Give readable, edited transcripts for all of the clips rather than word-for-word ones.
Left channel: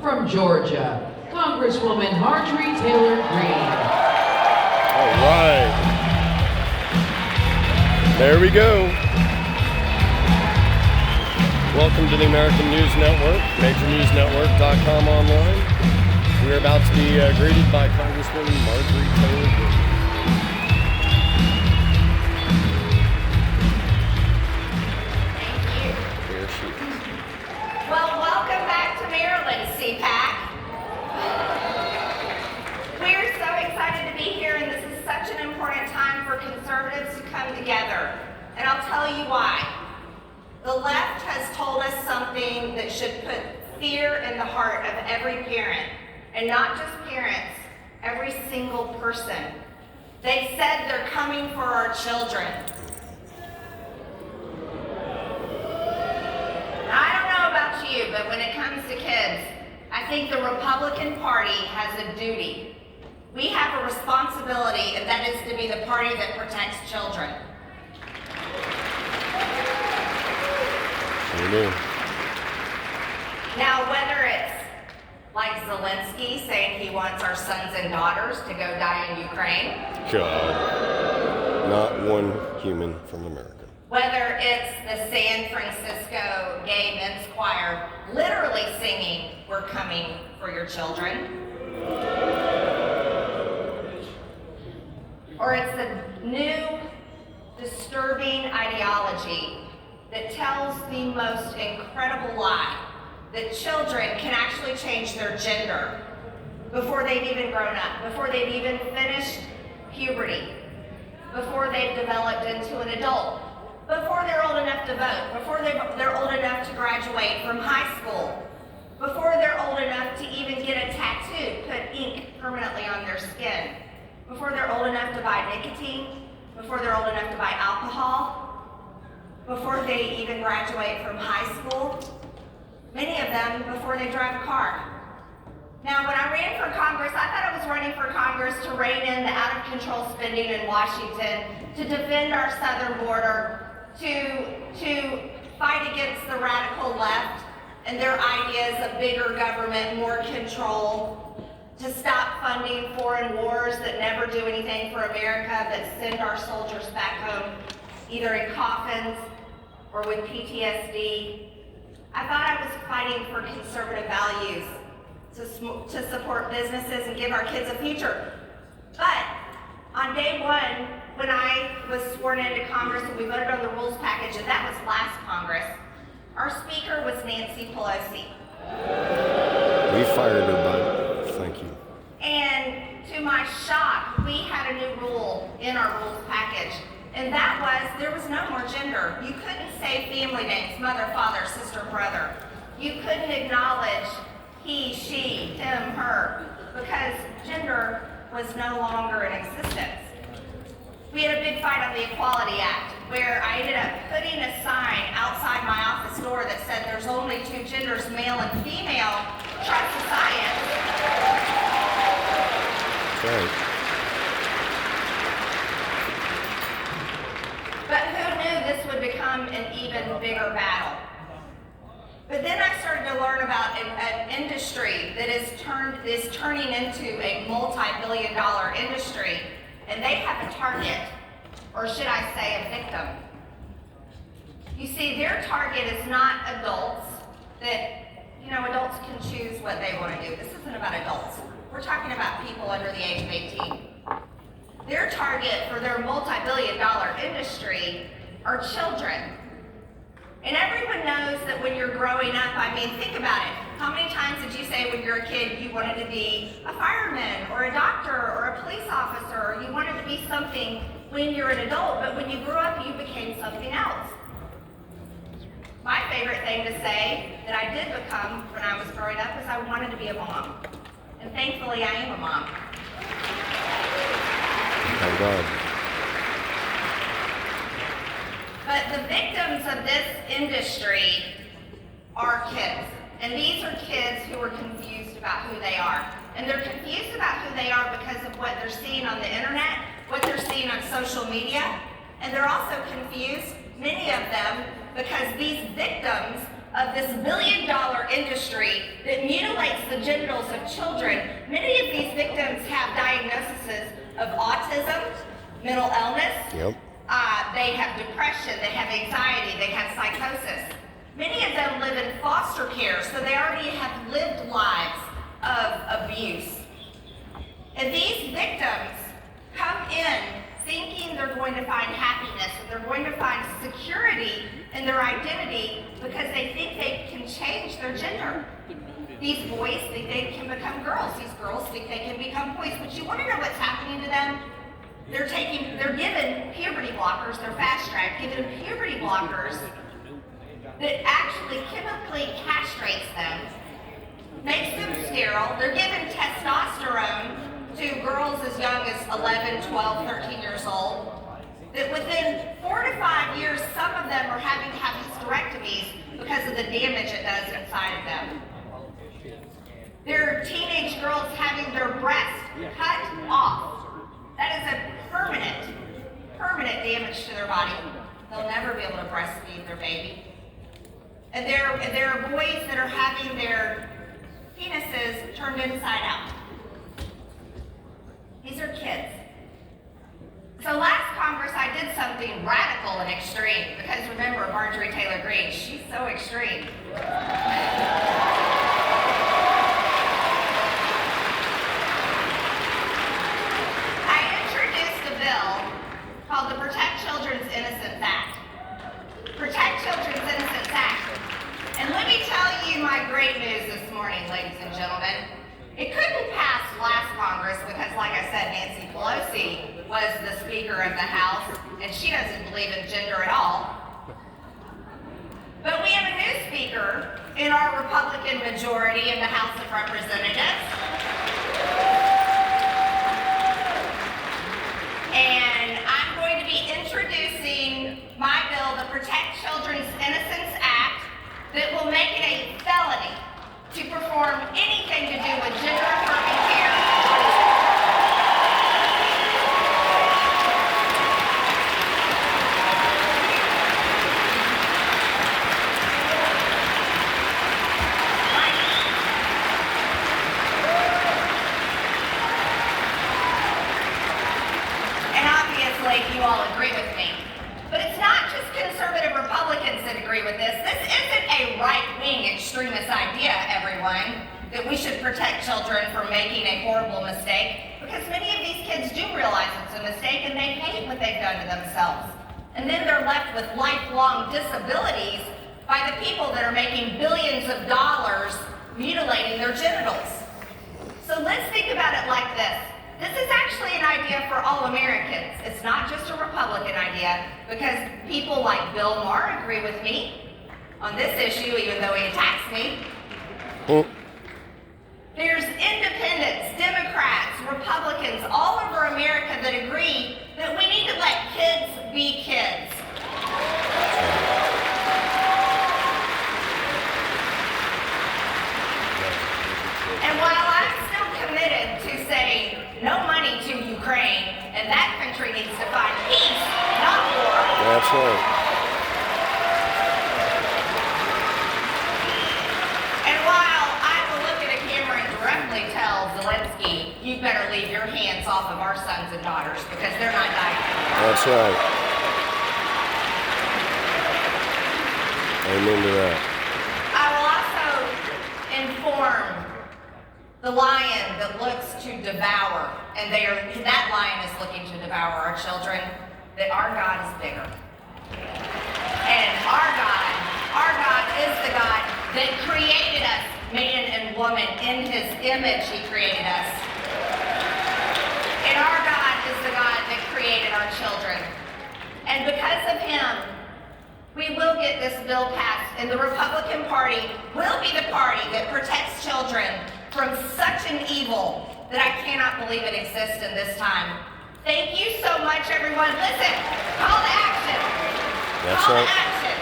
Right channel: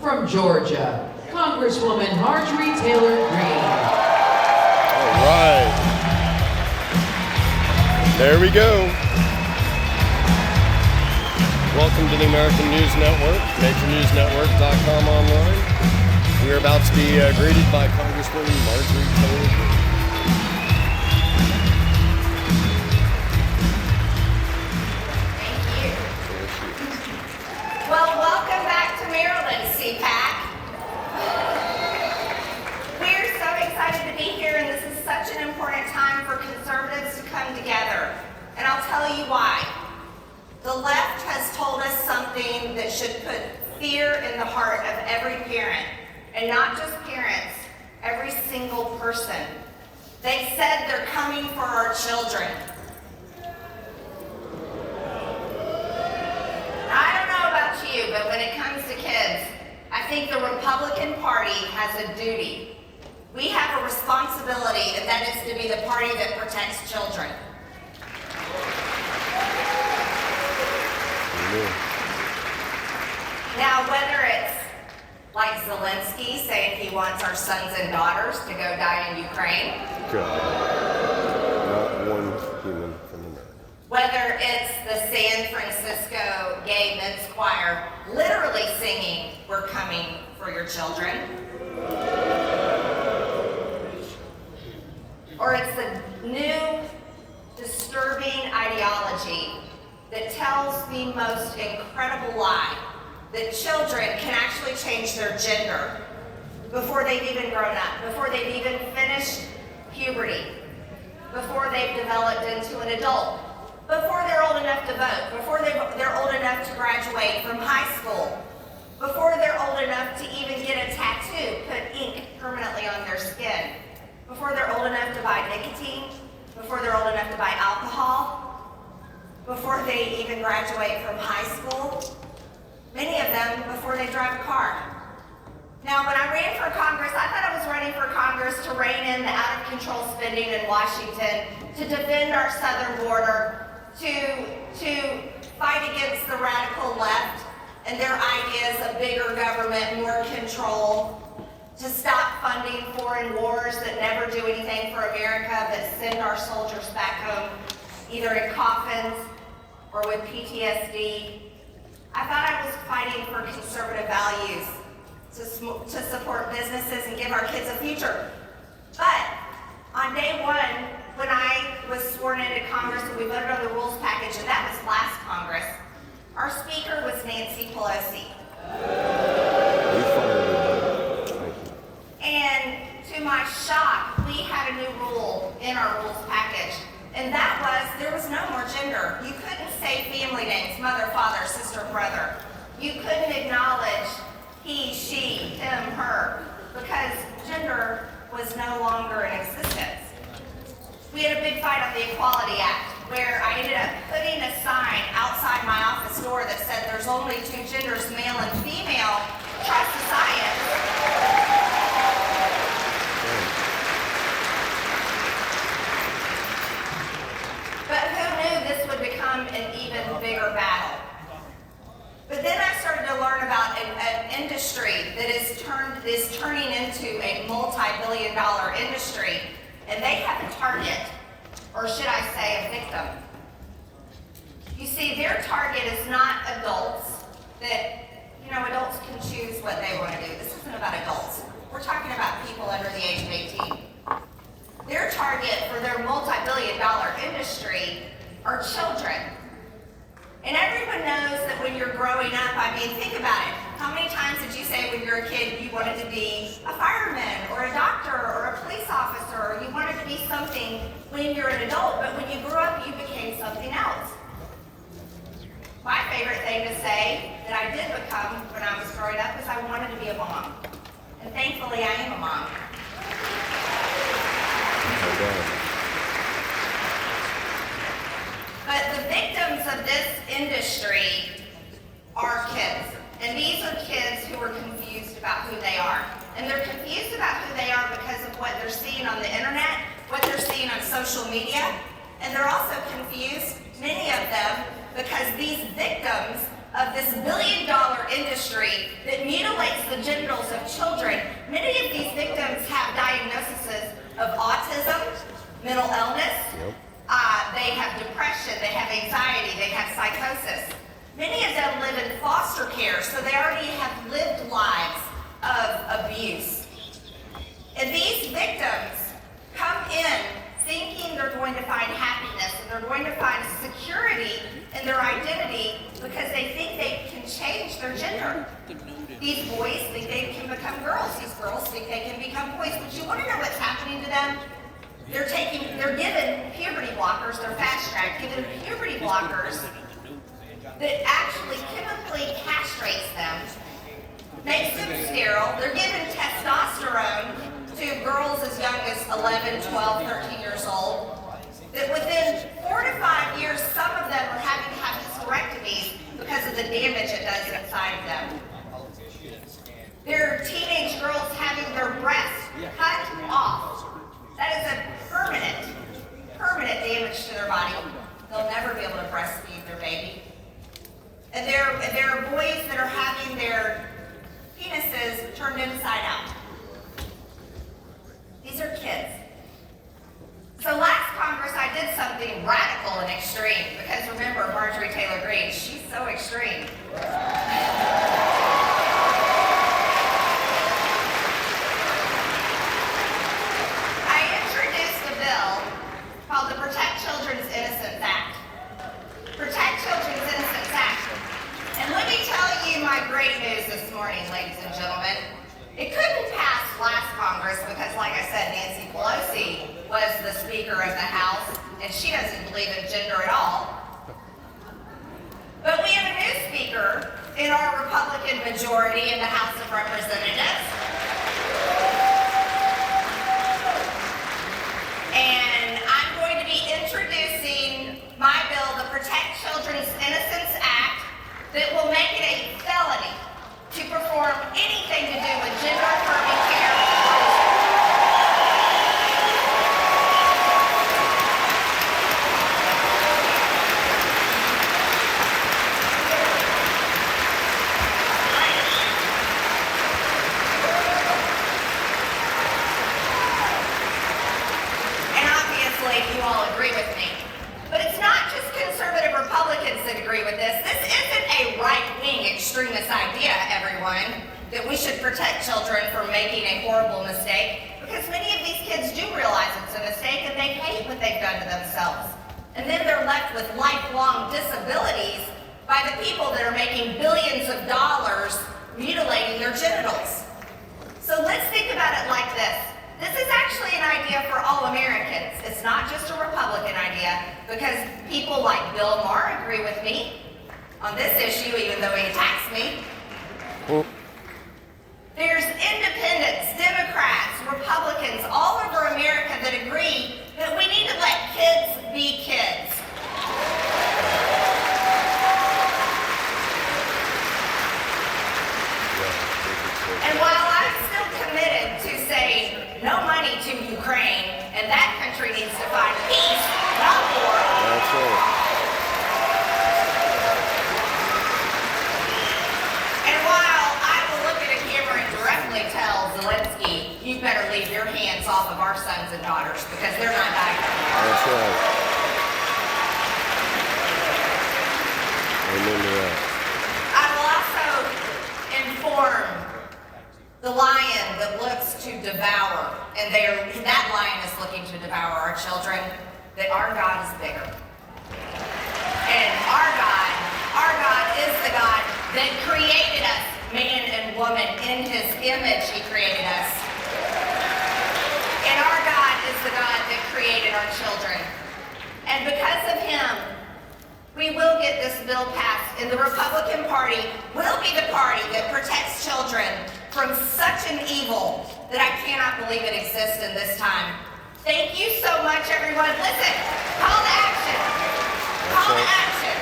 From Georgia, Congresswoman Marjorie Taylor Greene. All right. There we go. Welcome to the American News Network, majornewsnetwork.com online. We're about to be greeted by Congresswoman Marjorie Taylor Greene. Thank you. There she is. Well, welcome back to Maryland, CPAC. We're so excited to be here, and this is such an important time for conservatives to come together. And I'll tell you why. The left has told us something that should put fear in the heart of every parent, and not just parents, every single person. They said they're coming for our children. I don't know about you, but when it comes to kids, I think the Republican Party has a duty. We have a responsibility, and that is to be the party that protects children. Amen. Now, whether it's like Zelensky saying he wants our sons and daughters to go die in Ukraine, God. Not one human from America. whether it's the San Francisco Gay Men's Choir literally singing, "We're coming for your children," or it's the new disturbing ideology that tells the most incredible lie that children can actually change their gender before they've even grown up, before they've even finished puberty, before they've developed into an adult, before they're old enough to vote, before they're old enough to graduate from high school, before they're old enough to even get a tattoo, put ink permanently on their skin, before they're old enough to buy nicotine, before they're old enough to buy alcohol, before they even graduate from high school, many of them before they drive a car. Now, when I ran for Congress, I thought I was running for Congress to rein in the out-of-control spending in Washington, to defend our southern border, to fight against the radical left and their ideas of bigger government, more control, to stop funding foreign wars that never do anything for America but send our soldiers back home either in coffins or with PTSD. I thought I was fighting for conservative values, to support businesses and give our kids a future. But on day one, when I was sworn into Congress and we voted on the rules package, and that was last Congress, our speaker was Nancy Pelosi. We fired her, bud. Thank you. And to my shock, we had a new rule in our rules package. And that was, there was no more gender. You couldn't say family names, mother, father, sister, brother. You couldn't acknowledge he, she, him, her, because gender was no longer in existence. We had a big fight on the Equality Act, where I ended up putting a sign outside my office door that said there's only two genders, male and female, trust the science. Right. But who knew this would become an even bigger battle? But then I started to learn about an industry that is turning into a multi-billion-dollar industry, and they have a target, or should I say a victim. You see, their target is not adults that, adults can choose what they want to do. This isn't about adults. We're talking about people under the age of 18. Their target for their multi-billion-dollar industry are children. And everyone knows that when you're growing up, think about it. How many times did you say when you were a kid you wanted to be a fireman or a doctor or a police officer, or you wanted to be something when you're an adult, but when you grew up, you became something else? My favorite thing to say that I did become when I was growing up is I wanted to be a mom. And thankfully, I am a mom. But the victims of this industry are kids. And these are kids who are confused about who they are. And they're confused about who they are because of what they're seeing on the internet, what they're seeing on social media. And they're also confused, many of them, because these victims of this billion-dollar industry that mutilates the genitals of children. Many of these victims have diagnoses of autism, mental illness. Yep. They have depression, they have anxiety, they have psychosis. Many of them live in foster care, so they already have lived lives of abuse. And these victims come in thinking they're going to find happiness and they're going to find security in their identity because they think they can change their gender. These boys think they can become girls. These girls think they can become boys. But you want to know what's happening to them? They're given puberty blockers. They're fast-tracked, given puberty blockers that actually chemically castrates them, makes them sterile. They're given testosterone to girls as young as 11, 12, 13 years old. That within 4 to 5 years, some of them are having to have hysterectomies because of the damage it does inside of them. There are teenage girls having their breasts cut off. That is a permanent damage to their body. They'll never be able to breastfeed their baby. And there are boys that are having their penises turned inside out. These are kids. So last Congress, I did something radical and extreme because remember, Marjorie Taylor Greene, she's so extreme. I introduced a bill called the Protect Children's Innocence Act. Protect Children's Innocence Act. And let me tell you my great news this morning, ladies and gentlemen. It couldn't pass last Congress because, like I said, Nancy Pelosi was the Speaker of the House, and she doesn't believe in gender at all. But we have a new Speaker in our Republican majority in the House of Representatives. And I'm going to be introducing my bill, the Protect Children's Innocence Act, that will make it a felony to perform anything to do with gender-affirming care on children. And obviously, you all agree with me. But it's not just conservative Republicans that agree with this. This isn't a right-wing extremist idea, everyone, that we should protect children from making a horrible mistake, because many of these kids do realize it's a mistake and they hate what they've done to themselves. And then they're left with lifelong disabilities by the people that are making billions of dollars mutilating their genitals. So let's think about it like this. This is actually an idea for all Americans. It's not just a Republican idea, because people like Bill Maher agree with me on this issue, even though he attacks me. There's independents, Democrats, Republicans all over America that agree that we need to let kids be kids. And while I'm still committed to saying no money to Ukraine, and that country needs to find peace, not war. That's right. And while I will look at a camera and directly tell Zelensky, you better leave your hands off of our sons and daughters because they're not dying. That's right. Amen to that. I will also inform the lion that looks to devour, and that lion is looking to devour our children, that our God is bigger. And our God is the God that created us, man and woman, in his image he created us. And our God is the God that created our children. And because of him, we will get this bill passed, and the Republican Party will be the party that protects children from such an evil that I cannot believe it exists in this time. Thank you so much, everyone. Listen, call to action. Call to action.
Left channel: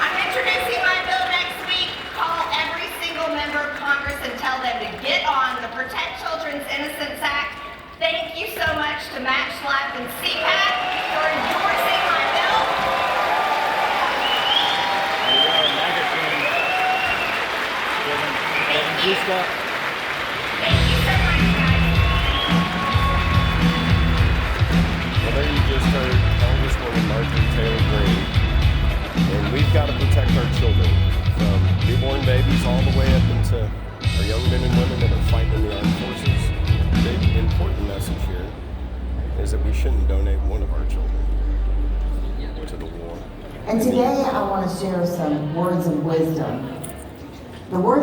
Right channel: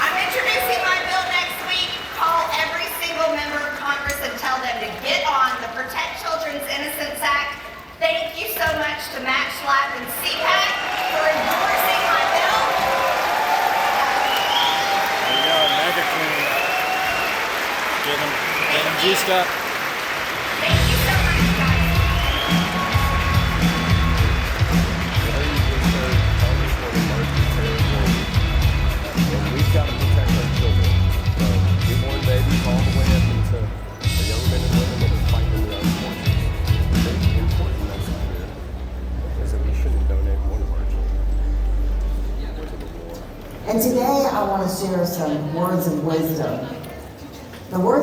I'm introducing my bill next week. Call every single member of Congress and tell them to get on the Protect Children's Innocence Act. Thank you so much to Matt Schlapp and CPAC for endorsing my bill. G-Step. Thank you so much, guys. Well, you just heard Congresswoman Marjorie Taylor Greene. And we've got to protect our children from newborn babies all the way up into the young men and women that are fighting in the armed forces. The big important message here is that we shouldn't donate one of our children to the war. And today I want to share some words of wisdom. The words